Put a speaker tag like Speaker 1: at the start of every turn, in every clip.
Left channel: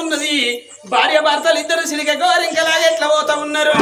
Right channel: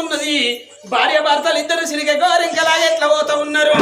Speaker 1: చూసుకున్నది భార్య భర్తలు ఇద్దరు సిలికకో రింకలాగా ఎట్లా పోతా ఉన్నారు?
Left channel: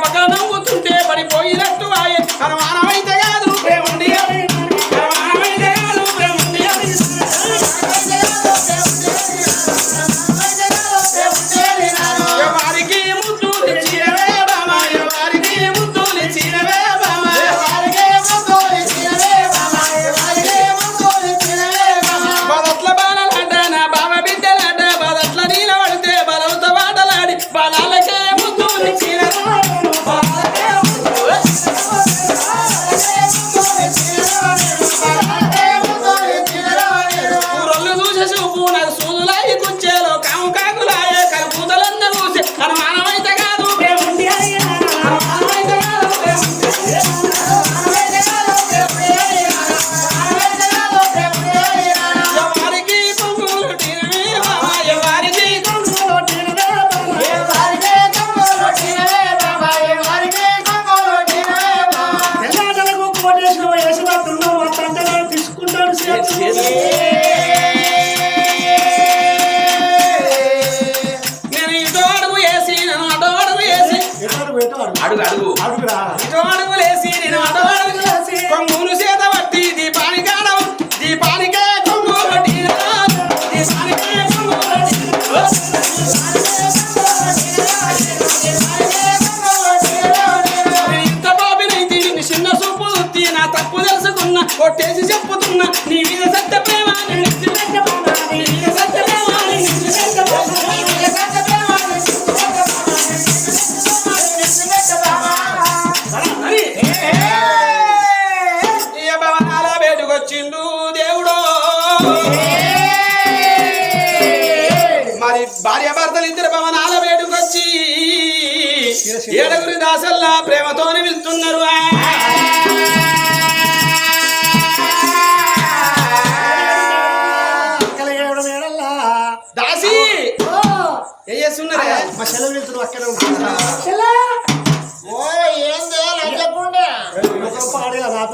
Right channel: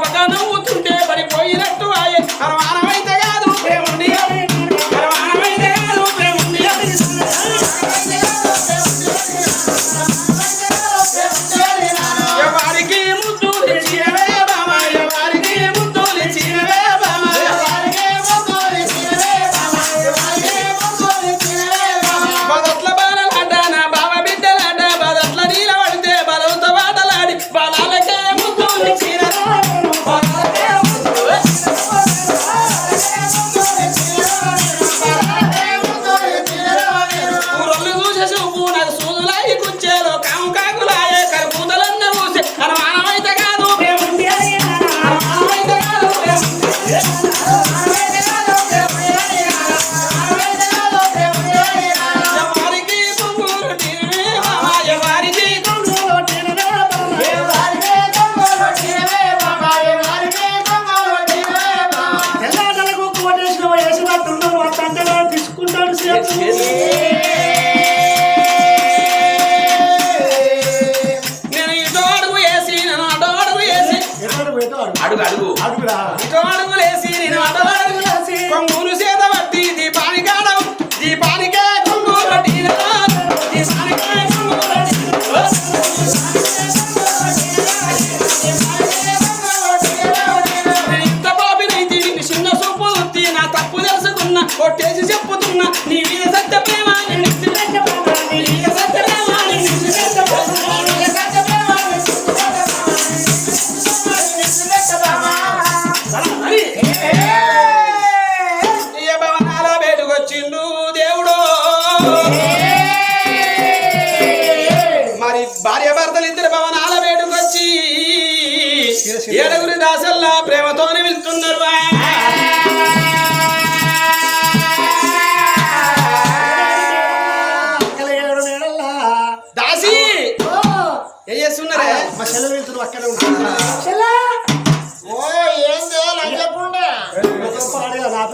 Speaker 2: propaganda,
Speaker 3: um outro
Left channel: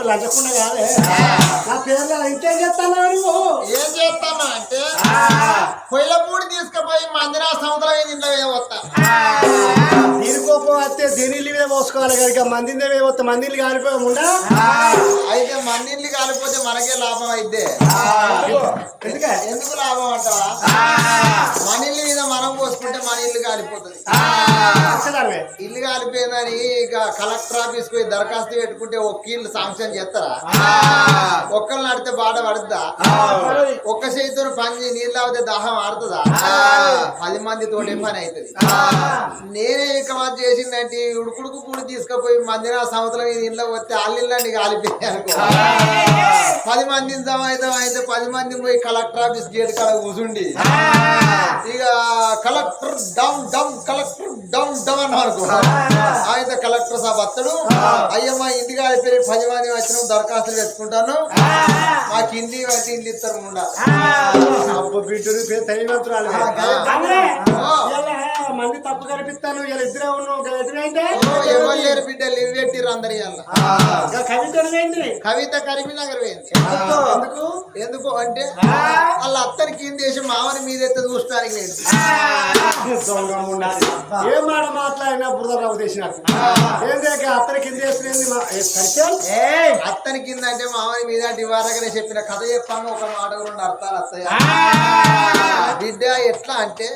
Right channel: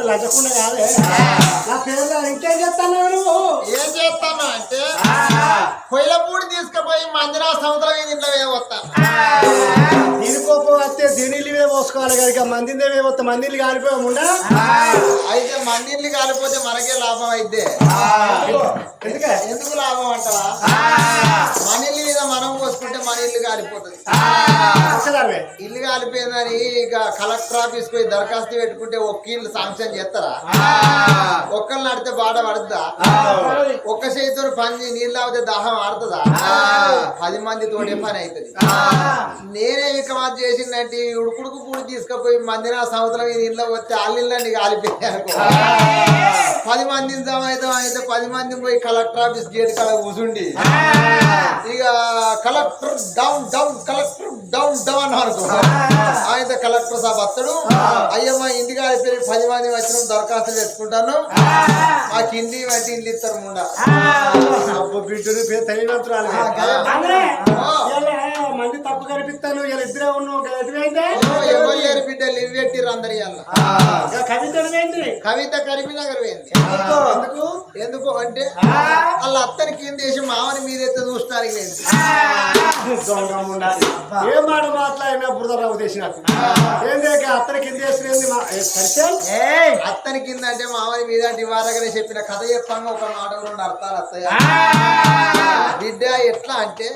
Speaker 3: లంచకుండా
Speaker 2: కాదే. నా పేర్లో ఇంకేం చేస్తాను
Speaker 3: ఏం చేస్తాను అంటే పొయ్యిల పూడి పోయి మంజనా సముద్రం ఇంట్లో
Speaker 2: మీద పోతాను వస్తే మీద పోసుకోవాలి కనుక మందిళ్ళ మీద పోతే మందిళ్ళు కాలిపోయకుండా
Speaker 3: అయితే మందిళ్ళు కాలిపోతే మనకే లాభం అయితే
Speaker 2: ఎందుకు?
Speaker 3: లాభం అంటారా మని మీద మనం పోసుకుంటే మన ఇల్లు కాలిపోతుంది ఇల్లు కాలిపోయిందని ఇక కలెక్టర్ ఆఫీస్ పోయి దరఖాస్తు పెట్టుకుంటే ఒక్క ఇల్లు శాంక్షన్ చేస్తారా? ఒక్కళ్ళు నడితే బాధ పడుతుందా ఒక్క చేతితో పని నీళ్ళు అవుతే దాహం ఆడుతుందా? పది మంది తోటి పని అవుతుంది నేనే ఇక చేసిందంటే ఉడుకుడుకు పూడి తీసుకుపోయి నా సంవత్సరం ఇది ఇంట్లో వస్తే అల్లిళ్ళండి కాలిపోయాయి పది మంది సమాహితం అయితే పది మంది పోయి కలెక్టర్ ఆఫీస్ గేట్ కల కూసుండి. ఇక collector down down collector down down అని అనుకున్నాను ఆయన కలెక్టర్ సాబ్ అత్తడు అయ్యమ్మ ఇంటికి ఆడిపోయి పది మంది వచ్చిన దరఖాస్తులు పెట్టుకుంటాను మాకు ఇంటి అంటే ఇల్లు ఇస్తారు ముండా.
Speaker 1: తల్లి
Speaker 2: తల్లిదండ్రులు మంది తప్పు కనిపిస్తాను ఇలా ఇద్దరే ఉన్నావు
Speaker 3: బిడ్డలు అందరు
Speaker 2: కవిత
Speaker 3: కవిత కరీంనగర్ పోయింది.
Speaker 2: ఎందుకు?
Speaker 3: ఎందుకు? అంటే వాళ్ళ అత్తని కింద వేసి మామని మీదైతే చూస్తానికి లేదు
Speaker 2: దొంగమ్మ ఉండాలి. ఏం మాట మాట్లాడినా బురదరావు చేసినట్టు ఏంది అత్తని కింద ఏ సరిచేల్?
Speaker 3: అత్తని కింద అంటే మామని మీద ఇవారగానే చెప్పిన కథ చెప్పంగా ఒక మాట రెండు అర్థాలు వస్తాయి బిడ్డ ఎట్లా అంటే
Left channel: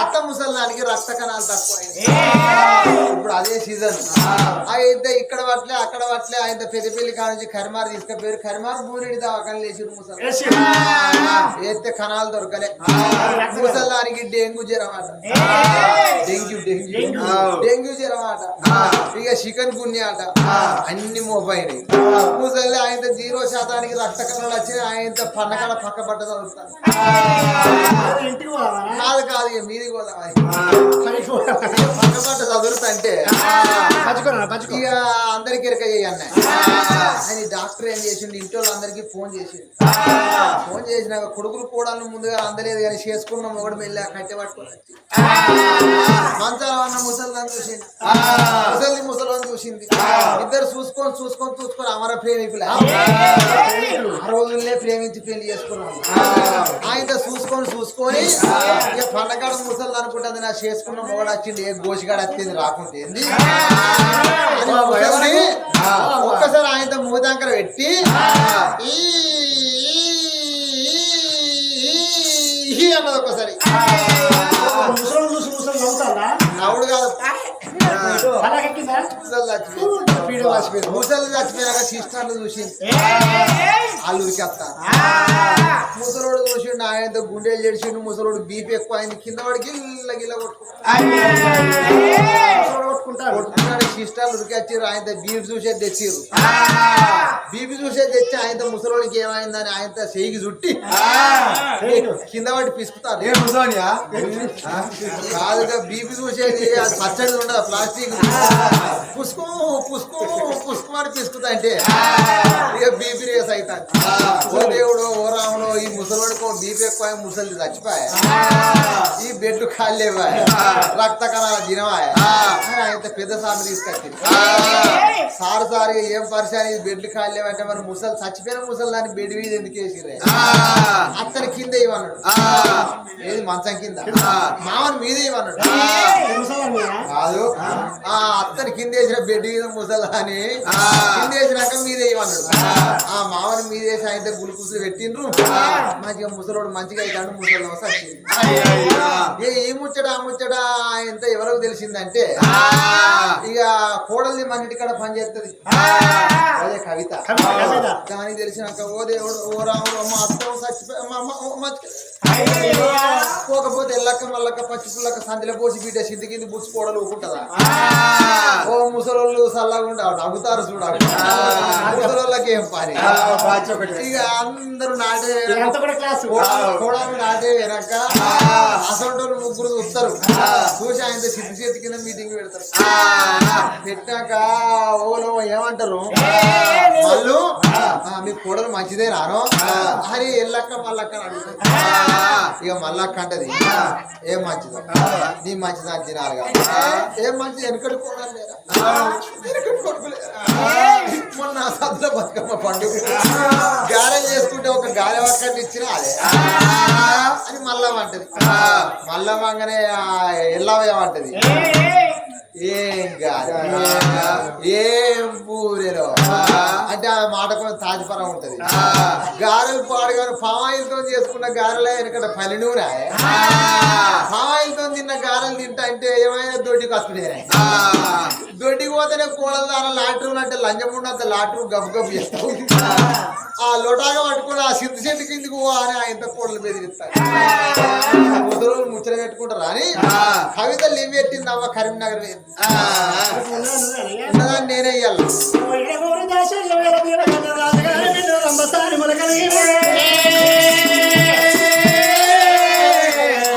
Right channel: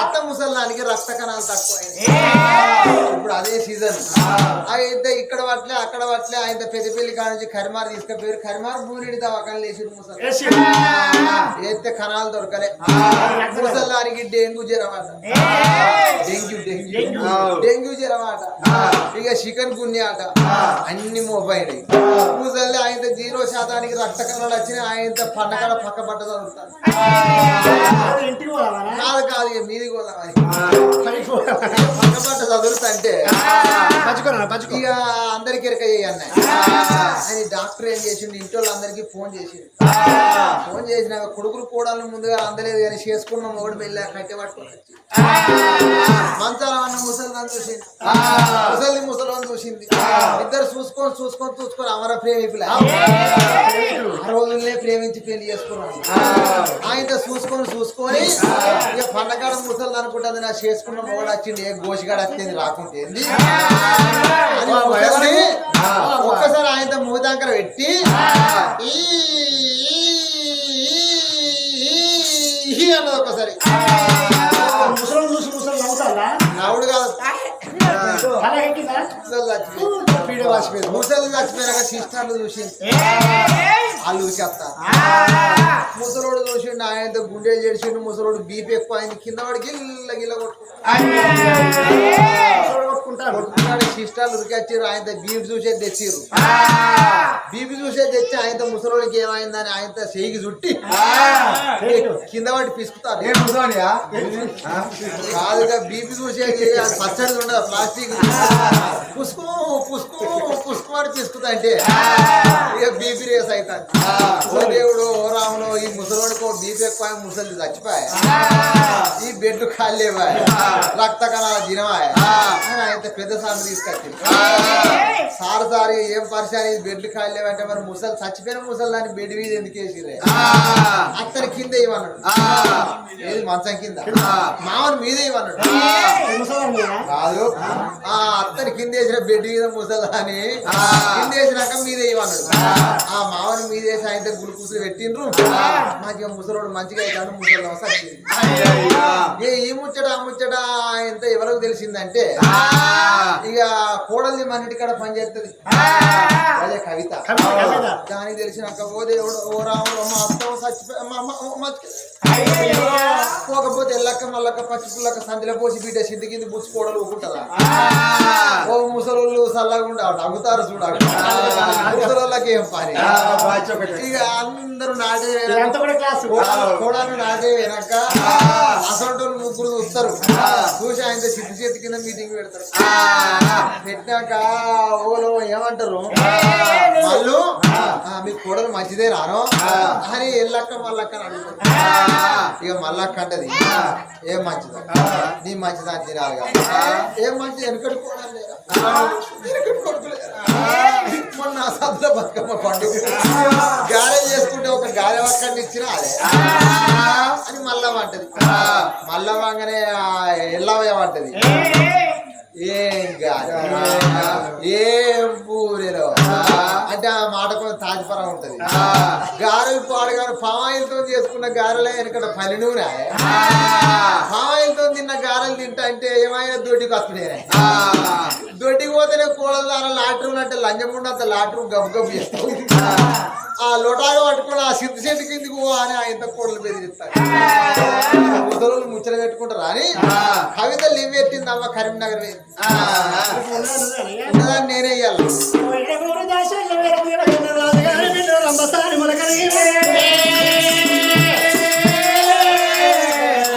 Speaker 3: అత్త ముసలానికి రక్త కణాలు తక్కువ ఇప్పుడు అదే సీజన్ అయితే ఇక్కడ పట్లే అక్కడ పట్లే ఆయన పెద్దపల్లి కాడ నుంచి కరిమారు తీసుకుపోయారు. కరిమారు బూరిడి దవాఖాన లేచిరు ముసలి. వేస్తే కణాలు దొరకలే. ముసలానికి డెంగ్యూ జ్వరం అట. Dengue dengue. డెంగ్యూ. జ్వరం అట. ఇక చికెన్ గున్య అట. అన్ని మొబైల్ ముసలి ఆయన జీరో శాతానికి రక్త కణాలు వచ్చినాయి. ఆయన పండగడ పక్క పట్ట చదువుతాను
Speaker 2: ఇంటికి పోదామా
Speaker 3: కాదు కాదు ఇక మీది కూడా
Speaker 2: పోదామా?
Speaker 3: చదువుతుంటే ఇక అందరికి ఆయన డాక్టర్ ఏం చేసిండు? ఇంట్లో అందరికి ఫోన్ చేసిండు. ఫోన్ చేసినాక కొడుకులు కూడాలను ముందుగా అందలేదు కానీ చేసుకున్న మొగడు మెల్ల కట్టె పట్టుకొని వచ్చి. మంచాల ముసలిదాన్ని చూసింది ముసలి ముసలిని చూసింది. ఇద్దరు చూసుకొని చూసుకొని చూసుకొని అమర ప్రేమికులు. ఆ. రోజుల్నే ప్రేమించి పెళ్ళి చేసుకున్నాను ఆయన చూసుకొని చూసుకొని ఇక పండగ ముసలి అనుకుంటుంది నా చేసుకున్న మొగడు వచ్చింది ఏ గోషిగాడు వచ్చింది రాకుంటే ముసలిని ఒక్కసారి ఆయన మూదాంకర పెట్టి ఈ అన్నది ఒక్కసారి.
Speaker 2: ముసలం చూసి ముసలి నవ్వుతారా
Speaker 3: నవ్వుడు కాదు.
Speaker 2: అలాగెక్కిందా
Speaker 3: ముసలి చచ్చిపోయింది
Speaker 2: పీడ వాసిపోయింది
Speaker 3: ముసలి చచ్చిపోయినాక సిస్టర్లు చూసింది వాళ్ళు ఉరికేస్తారు ముసలోడు చూసిండు ఆయనతో గుండెలు చేసిండు ముసలోడు బీపీ ఎక్కువ అయింది కింద వాడి గిల్ల గిల్ల
Speaker 2: కొట్టుకుంటారు
Speaker 3: సిస్టర్లు ఉరికొచ్చారు ఆయనతో బీపీ చూసేది తెచ్చిర్రు బీపీ చూసేది తెచ్చి ఆయనతో ముసలోడికి ఏమైందని ఆయనతో చేయికి చుట్టి కింద వాడి పిసుకుతారు కాదుగా బీపీ అది ఉండదు ప్లాస్టిక్ పుసుకు పుసుకు పుసుకు అని పిసుకుతా అంటే. ఇక బీపీ రేస్ అవుతాడు ఓ దేవుడు ఓ రాముడు ఈ ముసలోడికి బీపీ ఎక్కువ ముసలి చచ్చిపోయా. ఈ బెడ్ కాలేవా రక్త కణాల దినమాయా అని ఆయన పెద్ద సార్లు తీసుకొచ్చింది. సారు సారు ఏం పరిశాని బెడ్ కాలేవంటే మరి ముసలి చచ్చిపోయిన ముసలి దాన్ని బెడ్ మీద ఎందుకు వేసిర్రే? అత్తని కింద ఇవ్వన్నాడు ఏది మంచం కింద? మామని మీద ఇవ్వన్నాడు కాదు. ఆ. అత్తని కింద వేసిన బెడ్ మీద ముసలాని కింద వేసినాక మీద వేయమన్నాడు ఆ. మామని మీద వేసి ఆయన గులుకుసులు పెట్టిండ్రు. మాకు ముసలోడు మంచిగా అవుతాడు ముసలి వచ్చింది ఏ ఈ ముచ్చట ఆ ముచ్చట ఎంత ఎవరికి తెలిసిందంటే ఇక కోడల్ని మన ఇంటికాడ పని చేస్తుంది అదే కవిత. దానికి తెలిసినాక ఓ దేవుడు ఓ రాముడు మా అత్త చచ్చిపోయి పోకపోతే ఎల్లక్క మల్లక్క పచ్చి పుల్లక్క సందిలో పోసి బిడ్డ సిద్ధి కింద బుచ్చి కోడలు ఊకుంటదా చల్లకుండా నవ్వుతారు చూడాలి ముసలోళ్ళకి ఏం పని? ఇక అందరూ నాటే
Speaker 2: కూడా
Speaker 3: కోడలు నాటే వెనక అసలు ముగ్గురు చూస్తారు చూసి ఆయన సిద్ధి చేతి కింద మీటింగ్ పెడతారు. పెట్టాక ఓలో ఏమంటారు? వాళ్ళు "ఆ, మీ కోడలు మంచిదే రాను? అని ఎల్లక్క మల్లక్క అడుగుతారు. ఇక మల్లక్క అంటది ఏం మంచిదో? నీ మంచిదా అని తినాలి కదా ఏం మంచిది వెనకటి కోడలు లేరా? మొన్న సద్ద బతుకమ్మ పండుగ గారె చేసుకుంటే ఒక గాలి ఒక్కడిని ఇచ్చిన అదే అని మల్లమ్మ అంటది మల్లమ్మ అనగానే ఎల్లవేమంటది ఏం కాదు ఏం పూరేలో అంటే ఆ. మాట కొంచెం తాజపరం ఉంటది గారెలు పాడగారు పామాయిలతో చేసుకున్న గారెలే ఎందుకంటే పని నూనె పామాయిలతో తిన్న గారెలు తింటా అంటే ఏమైనా దొడ్డికి వస్తున్నాయి దొడ్డికి పోతేనే కోడలు దాని లాట్రూమ్ అంటే లంచం ఉన్నంత లాట్రూమ్ గబు గబు చేస్తావు ఆ. లోటాగా పట్టుకుని ఆ సిద్ధ చెట్టు కిందికి పో అని ఆయన కోడలు బెదిరిస్తాడు ముద్దలు ముచ్చట పెట్టుకుంటారు అని? కవిత లివ్ పెట్టింది అవ్వ కరీంనగర్ నేనే ఇయ్యాలి.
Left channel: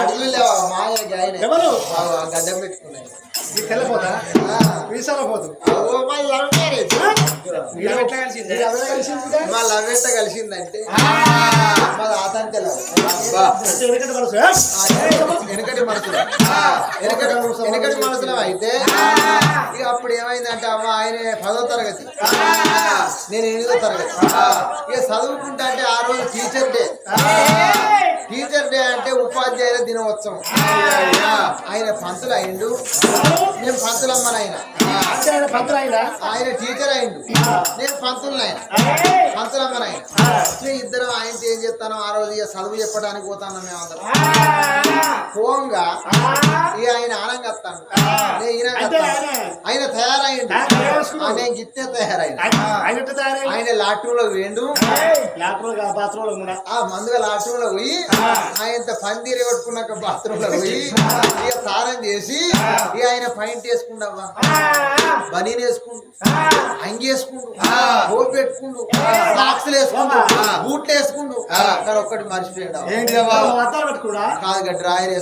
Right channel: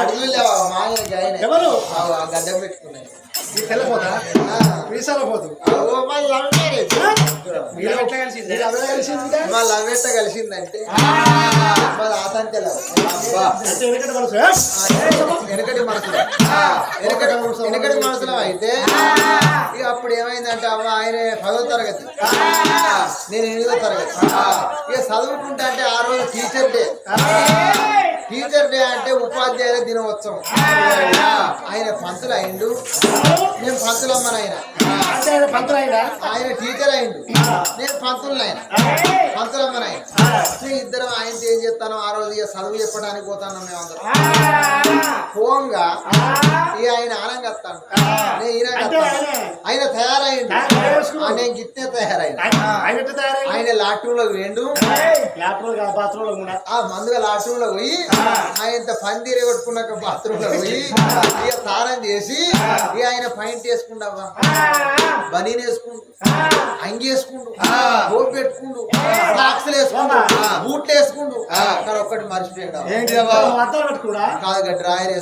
Speaker 3: అడుగులు లేవా? మాయ గాయన.
Speaker 2: ఎవరు?
Speaker 3: గడ్డం పెట్టుకున్నాయి
Speaker 2: తెల్లపోతా వీసాల
Speaker 1: ఎట్లా కలిసిందే?
Speaker 3: ఎట్ట కలిసిందంటే?
Speaker 2: వెనకటి మనసు
Speaker 3: వెనకటి మనసులో వెనకటి వెనకటి మనసులో అయితే ఇక అప్పుడు ఏమైందంటే అమ్మ ఆయన పదో తరగతి. నేను ఎనిమిదో తరగతి. ఇక చదువుకుంటా అంటే ఆ రోజు టీచర్ డే. టీచర్ డే అంటే ఉపాధ్యాయుల దినోత్సవం. ఆయన పంతులు అయిండు. నేను పంతులమ్మని ఆయన
Speaker 2: అంటే ఆయన పంతులు
Speaker 3: ఆయన టీచర్ అయిండు. నేను పంతులు ఆయన పంతులమ్మని ఆయన మేము ఇద్దరం ఆయనతో ఏం చేస్తాను ఆ రోజు ఇక చదువు చెప్పడానికి పోతాను మేమందరం. పోంగా ఇక ఆయన ఆనంగా వస్తాను. నేను.
Speaker 2: ఆయన-
Speaker 3: ఆయన తయారైండు. నేను గిట్టే
Speaker 2: ఆయన తయారైంది
Speaker 3: ఆయన లాట్రూమ్లో వేండు
Speaker 2: లాట్రూమ్ కాదు బాత్రూమ్లో కూడా.
Speaker 3: ఆ మందుగా లాట్రూమ్లో పోయి ఆయన పందిరి కొట్టుకున్నాక బాత్రూమ్లో పోయి ఇక స్నానం చేసి ఇక ఆయన పైంట్ వేసుకుంటావా బనీన్ వేసుకుంటూ అంగి వేసుకుంటూ హోప్ పెట్టుకుంటూ సాక్స్లు వేసుకుంటూ బూట్లు వేసుకుంటూ అక్కడ ఒక్కటి మర్చిపోయాడు
Speaker 2: అద్దాలు పెట్టుకుడా
Speaker 3: కాదు డ్రాయర్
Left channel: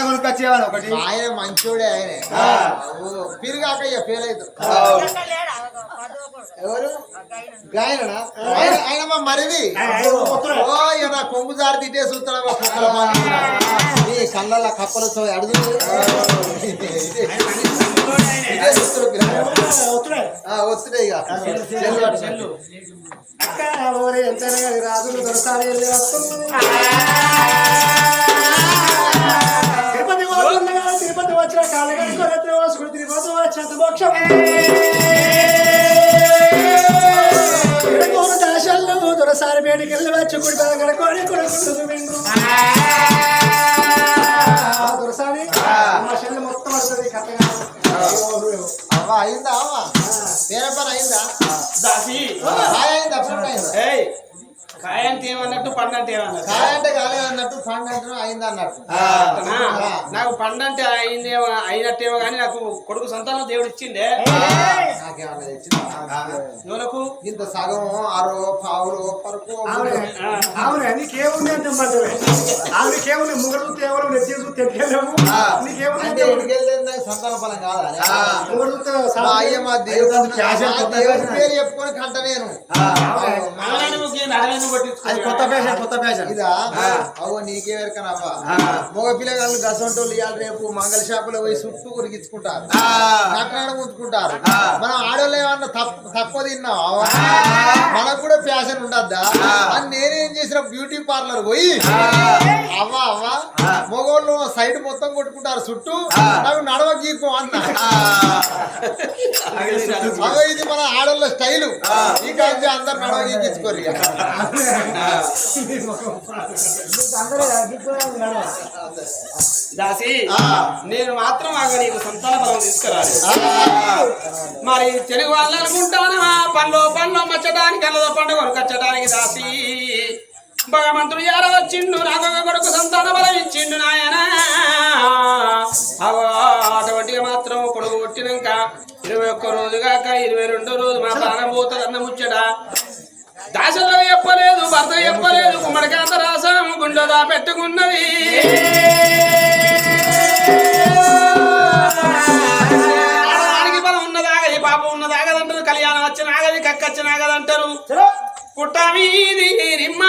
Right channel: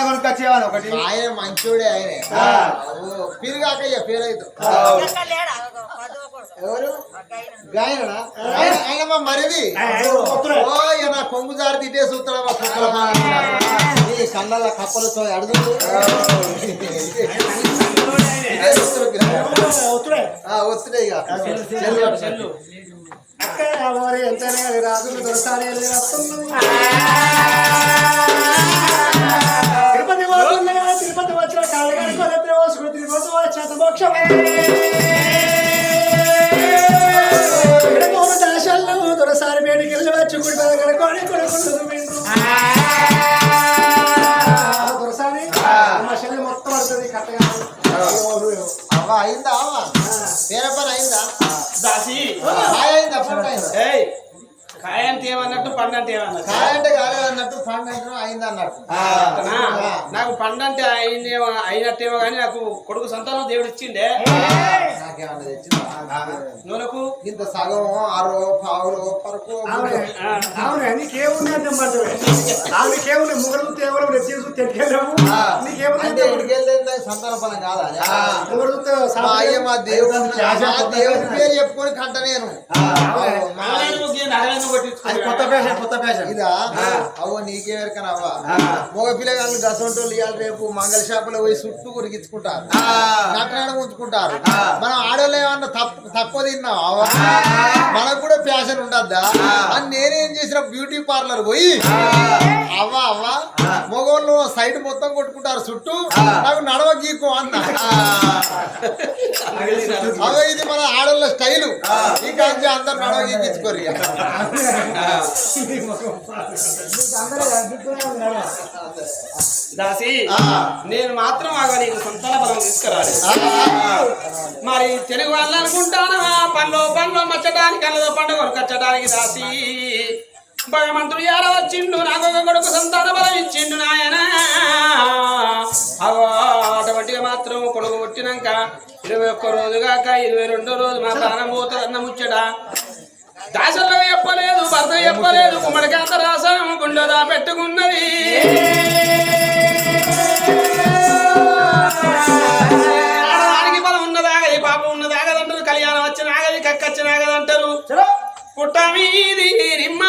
Speaker 4: కొనుక్కొచ్చేవాళ్ళు ఒకటి.
Speaker 3: ఆయన మంచోడే ఆయనే. ఓ, పిరిగాక ఇక పేరైదు ఎవరు? గాయనా ఆయన- ఆయన మా మరిది. నా కొంగు జారి తిట్టే. ఈ కళ్ళ అడుగు వస్తున్నాయి
Speaker 2: అక్క ఎంతైనా కానీ రాజులు దొరసారి వెళ్ళి తిరుపతి తిరుపతి వచ్చిన కాళ్ళగారి కొలెత్తి పోసుకుని తిరుపతి వచ్చిన మోక్షం. బయటికి వెళ్ళి వచ్చి కుడి పెదగడ కోడి కొడుకుంటుంది విండ్రు దొరసారి మా చెల్లి మొత్తం పడుతుంది కట్టగా
Speaker 3: అవ్వ అయిందా అవ్వ? వేరే పని అయిందా?
Speaker 1: దాసి.
Speaker 3: అయిందా? అయిందా?
Speaker 1: ఏయ్ కాయ అంటే ఏమన్నట్టు పండు అంటే ఏమన్నట్టు
Speaker 3: కాయ అంటే కాలేదు అన్నట్టు పండు అంటే అయిందా అన్నట్టు
Speaker 1: నా- నాకు పండు అంటే అయిందేమో అయినట్టేమో కానీ నాకు కొడుకు సంతానం దేవుడు ఇచ్చిండే.
Speaker 3: నాకేమన్నా తెచ్చిందా?
Speaker 1: నువ్వులకు
Speaker 3: ఇంత సగం ఆరో పావులో పరకు
Speaker 2: అవునే నీకేముంది అంటే ముగ్గురు కేవలం నెత్తి చూసి తెట్టుకెళ్ళాము నీకేముంది?
Speaker 3: అంటే
Speaker 2: అంటే
Speaker 3: ఎడికెళ్తే సంతాన ఫలం కాదా అని?
Speaker 2: ముగ్గురు చూస్తే
Speaker 3: మా అయ్య మా దేవుడు మా దేవుడి పేరు చెప్పుకొని కంట నేను.
Speaker 4: కొత్త ఫ్యాషన్ కొత్త ఫ్యాషన్.
Speaker 3: ఇదా? అవ్వ నీకే వెరకనవ్వా మగ పిల్లగాళ్ళు గసంటోళ్ళు ఇవాళ రేపు మంగళ షాపులో పోయి చుట్టూ కొరికించుకుంటారు కట్నాడు ఉంచుకుంటారు మనం ఆడోళ్ళు ఏమన్నా తప్పు తక్కువ తిన్నాం అవ్వ మనకు కూడా ఫ్యాషన్ ఉండద్దా? అని నేనేం చేసిన బ్యూటీ పార్లర్ పోయి అవ్వ అవ్వ. మగోళ్ళు సైడ్ మొత్తం కొట్టుకుంటారు చుట్టూ. నాకు నడవ గీకు అన్న అవ ఇది మన ఆడోళ్ళ స్టైలు. ఈ కాదు అందరు నడవ గీకించుకోరు ఇక.
Speaker 1: దాసి. నేను మాత్రం ఆగ నీకు సంతాన బలం తీసుకురాలి. మరి తెలుగు వాళ్ళు అనుకుంటాను పనిలో పనిలో మచ్చడానికి కళ్ళలో పండుగ కచ్చడానికి దాసి. భగవంతుడు యారో వచ్చిండు నాకు ఒక కొడుకు సంతాన బలం ఇచ్చిండు నాయన. అగో అటువంటిగా మాత్రం కొడుకు పుట్టినాక ఇరవై ఒక్క రోజు కాక ఇరవై రెండో రోజు మా ప్రాణం పోతుందన్న ముచ్చట. దాసలో చెప్పలేదు భర్త చెప్పలేదు కుమ్మడికాంత రాసం గుండెదా పెట్టుకున్నది. కళ్యాణం వచ్చిన ఆగది కక్కచ్చిన ఆగదంటారు. పుట్ట మీది నిమ్మ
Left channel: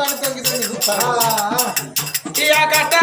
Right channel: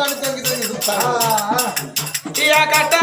Speaker 3: తొంగి తొంగి చూస్తాను
Speaker 1: ఇక కట్ట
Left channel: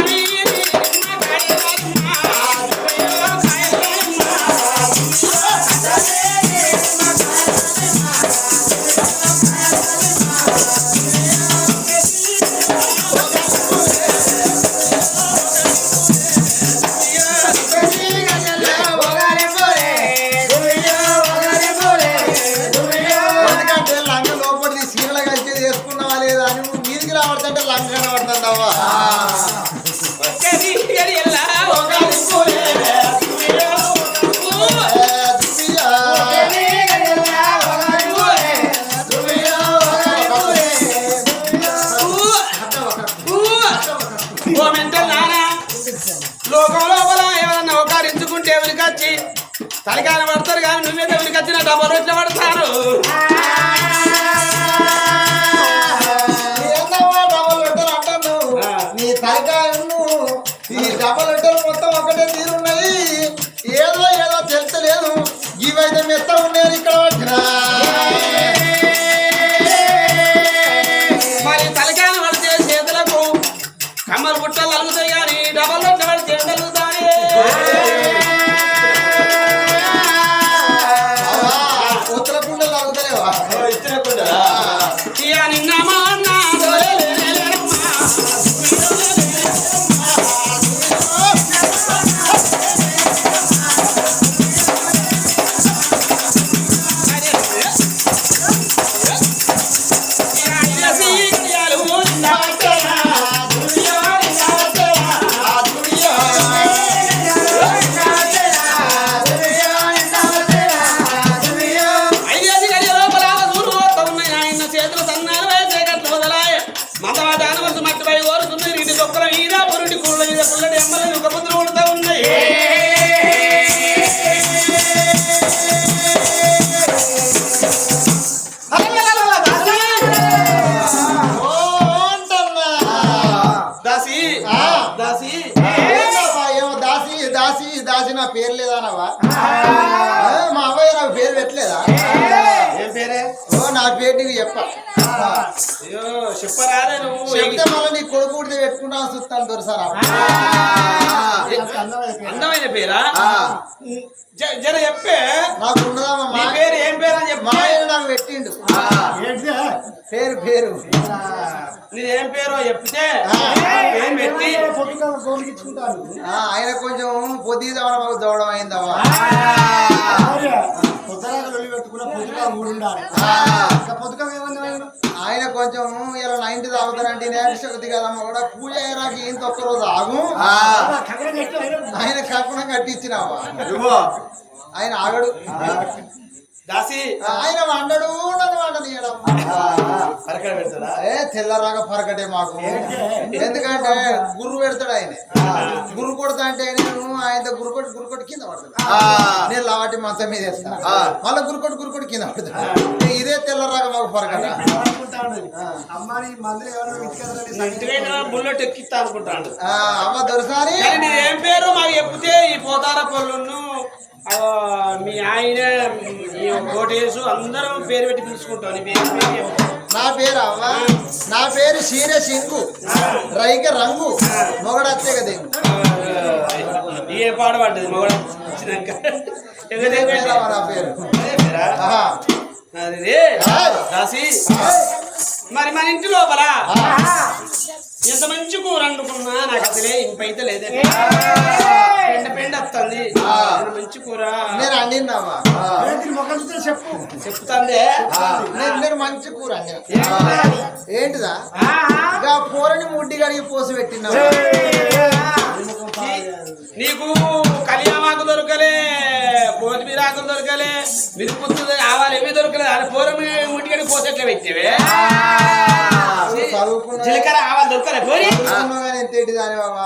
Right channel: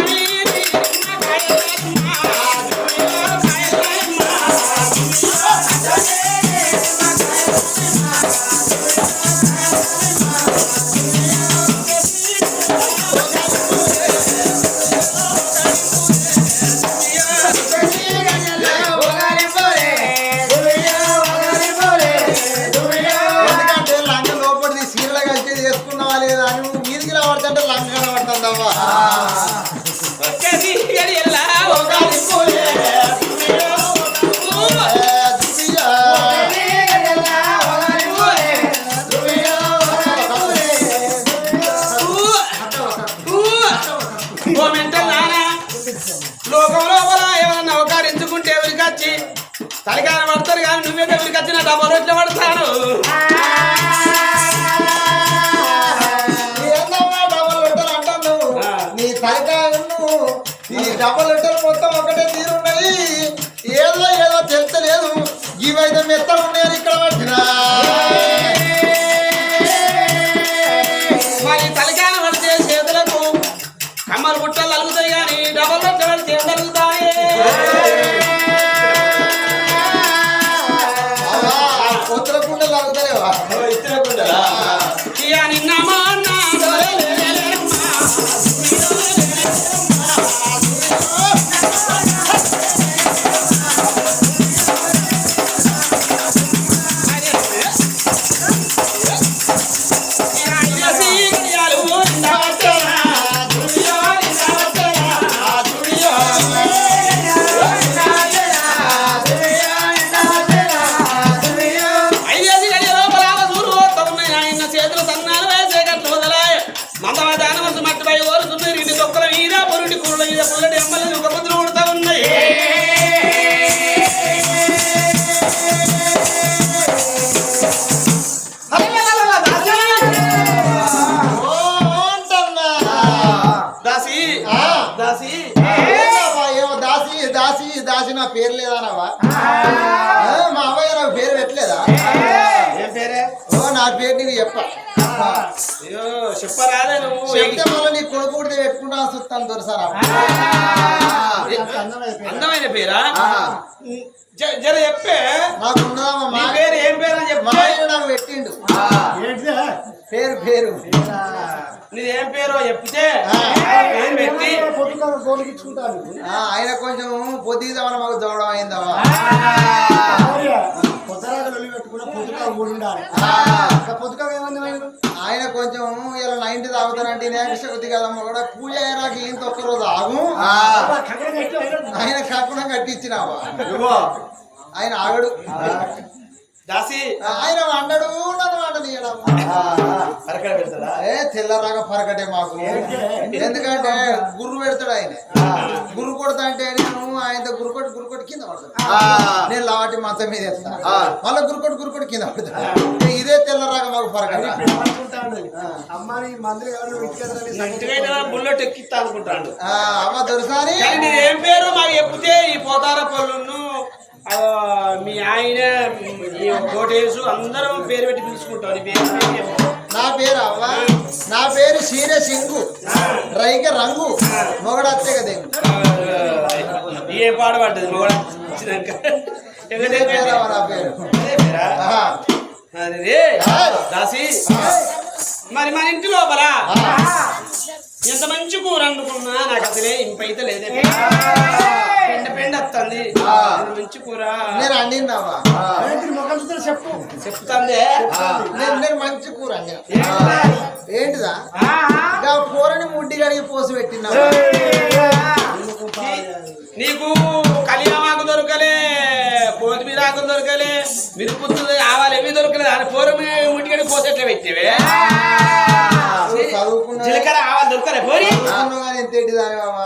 Speaker 1: లోకంలో లోపల ఒకరించుకుంటే ఎవరికి వచ్చి? తలికాయ పడతారు కానీ నువ్వే ఎవరికి వచ్చిన డబ్బులు ఎట్లా
Speaker 3: పడతాను చెప్ప.
Speaker 1: అయ్యో చెప్పరాదే నువ్వు.
Speaker 3: చెప్తే మళ్ళీ నీ కొడుకు ఉడితే పెట్టుకుంటా చూస్తాను దొరసారా
Speaker 1: అందమైన పేరా? జ- జర చెప్పే.
Speaker 3: నాకు ఉన్నదమ్మా
Speaker 1: నీ
Speaker 3: మా-
Speaker 1: పేరు ఏం పేరు అని చెప్పే.
Speaker 3: నాకు పెట్టిండు.
Speaker 2: ఏంటిదే?
Speaker 3: పేరు పేరు.
Speaker 1: నీది ఏం పేరో చెప్తే. పేరు పెట్టి.
Speaker 2: పొద్దుగా గోలిగించుకుంటాను
Speaker 3: ఆ, ఆయన కొంచెం పొద్దుదామని మాకు దూడం అయిందమ్మా.
Speaker 2: పొద్దురాగా లొల్లి పెట్టుకున్న పొద్దుగా ఇంకా పొద్దుగా ఏమన్నా ఆయన
Speaker 3: కొంచెం ఇలా నైన్టీ తాగుతారంటే కొద్ది కదమ్మా కూడా పూజ అయ్యాక ఇంత ఒక్క రోజు ఆగు
Speaker 2: ఆయన
Speaker 3: కాకుండా కట్టించినావా? ఆయన ఆగడు.
Speaker 1: దాసి
Speaker 3: ఆయన వండడు నన్ను వండనీయడం
Speaker 1: పరకడ పెడతాడా?
Speaker 3: ఏ తెల్లరాగా పరకటే మాకు. ఎందుకంటే గుర్రు పెడతాడు ఆయన. గుర్రు కొడతా అంటే నేను ఆయన గుర్రు కొట్టి గుర్రు కొట్టి కింద పడతాను. నేను లావాటి మంచం మీద వేస్తాను మళ్ళీ గుర్రు కొట్టి కింద పడతాను ఇదే తెల్లరాగా మాకు పరకట.
Speaker 2: అమ్మాని మందులు ఎవరు
Speaker 1: బుల్లెట్ ఎక్కిస్తా అనుకుంటాడు.
Speaker 3: ఆ, అమ్మ దొరసారి
Speaker 1: ఏం పేరు? మాకు చెప్తే ఈ పోతార పళ్ళును ఆ, మీ ఆయన ఈ కోటేసు అందరం పేరు పెట్టి పిలుచుకుంటాం. నీ పేరు.
Speaker 3: నా అవ్వ నా పేరు సీర సింగు రైక రంగు మొగడత్తే కదేమి
Speaker 1: ఏ పాట పడ్డది మొగడ వచ్చినాక అదే దాసి. మరి మన ఇంటి లోపల ఎంత మంచి కూర వండుకున్నా నాకు అసలే ఇంపైతే లేదే. పెండ పెండ వస్తుంది. మంచి కూర.
Speaker 3: నేను
Speaker 2: ఏంటి మొక్కలు చూస్తే చెప్పు.
Speaker 1: చెప్తాందే.
Speaker 3: నేను మంచి కూర.
Speaker 1: ఏంటిదా?
Speaker 3: ఇక కూరని ముడ్డి కడిగి పోసి పెట్టినా
Speaker 1: నీకు కలియామాకు దొరకలే కొత్తిమీర ఆకులు దొరకలే మిరుపుత్తు ఆవాలు ఏవి దొరకలేదు. అని పూరం ముట్టికడి పోసేట్లే పెట్టేవే? జీలకర్ర ఆవాలు దొరకలే పోరి
Speaker 3: చదువుకున్నా కానీ ఎంత ఏంటి దాని బాబా.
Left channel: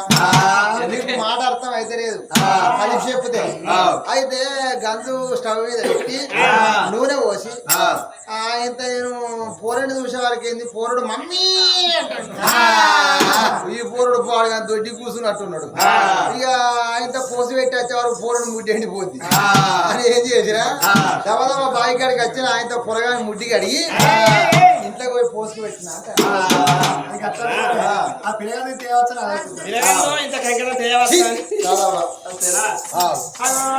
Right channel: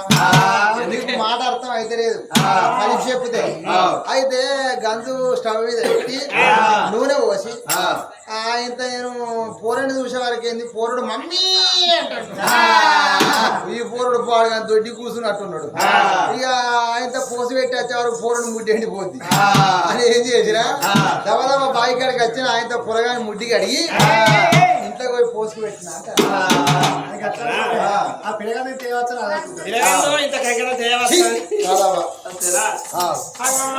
Speaker 3: మాట అర్థం అయితే లేదు. కలిసి చెప్తే. అయితే గంజు స్టవ్ మీద పెట్టి నూనె పోసి ఇంత నేను పోరని చూసే వారికి ఏంది? పోరుడు మమ్మీ ఈ పోరుడు పాడు కానీ దొడ్డి కూర్చున్నట్టున్నాడు ఇక ఆయన పోసి పెట్టి వచ్చే వరకు పోరుడు ముడ్డి ఎండిపోద్ది. అని ఏం చేసిరా? దవదవ బావి కాడికి వచ్చిన ఆయనతో పొరగాని ముడ్డి కడిగి ఇంత పోయి పోసుకు పెట్టిన
Speaker 2: ఆ. పిల్లగాని తేవచ్చు
Speaker 1: ఇంత కంకణ.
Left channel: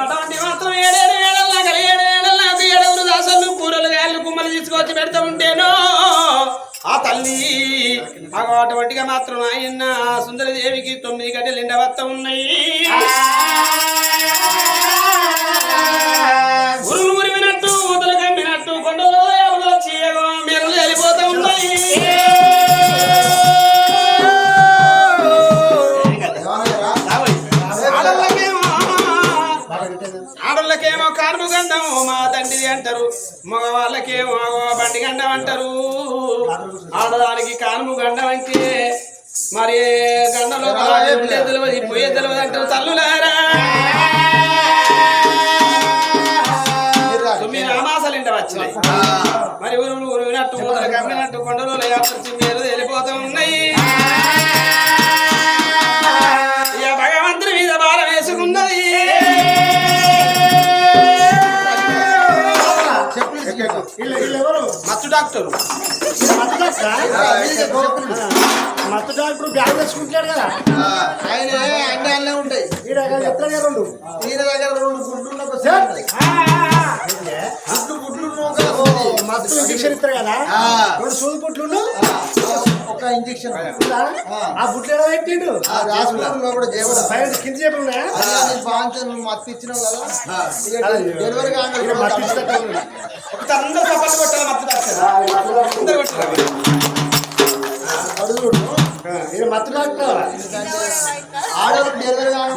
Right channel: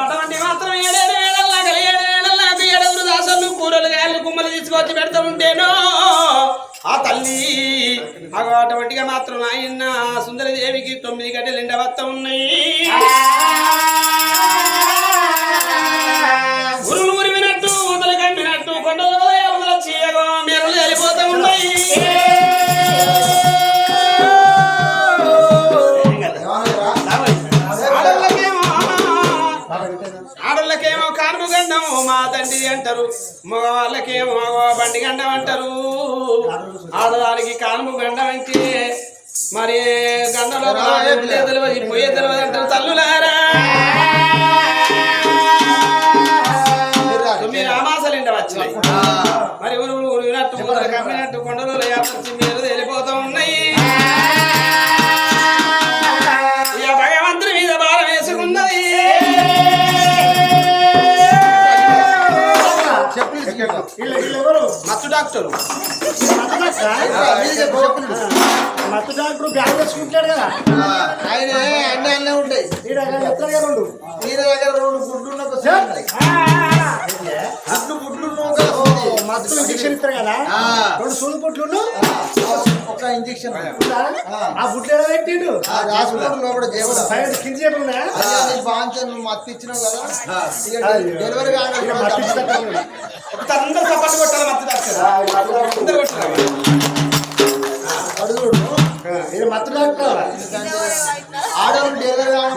Speaker 1: అటువంటి మాత్రం ఏడేడు ఏడల్లా ఏడు దాసలు కూరలు గాయలు కుమ్మలు తీసుకొచ్చి పెడతా ఉంటేనో ఆ తల్లి అగో అటువంటిగా మాత్రం ఆయన సుందరి దేవికి తొమ్మిది గంటలు ఎండ వస్త ఉన్నాయి అంటారు. మగవాళ్ళకేమో బండి గండం అంటారు. ఆడదానికి కానుపు గండం అంటే మరి గండంలో తెలియదు పోయే తెలియదు అంటారు. తల్లులారా! తొమ్మిది అమాసాలు ఇంట వచ్చినాయి. మరి ఊరు ఊరు వినట్టు కొండలు వెళ్ళిపోతూ ఉన్నాయి.
Speaker 2: వీళ్ళు వీళ్ళు ఎవరు?
Speaker 1: మత్తు డాక్టర్.
Speaker 2: మత్తు డాక్టరా? మత్తు డాక్టర్ బ్యాగ్ తెచ్చుకుంటాడు కదా.
Speaker 3: ఆయన అన్ని అన్నీ ఉంటాయి.
Speaker 2: ఈడ ఎత్ತರ రెండు
Speaker 3: ఈయన దగ్గర రెండు గుడ్లు. గుడ్లు గుడ్లు.
Speaker 2: మత్తు ఇంజక్షన్ ఇస్తారు కదా. రెండు సూది పుట్లు
Speaker 3: ఒక ఇంజక్షన్
Speaker 2: ఆ. బుట్లు ఎలా పెట్టిండు? పైన కింద చెప్పిన
Speaker 3: అయ్యా నీకు బాగా నువ్వు మత్తు ఇచ్చినావు కదా. డెలివరీ.
Speaker 1: ఒక అందరు సపోర్ట్ కొట్టాలి మత్తు డాక్టర్ అందరు కొట్టాలి.
Speaker 2: ఇది మత్తు డాక్టర్
Speaker 3: ఆడవాళ్ళు డెలివరీ కానీ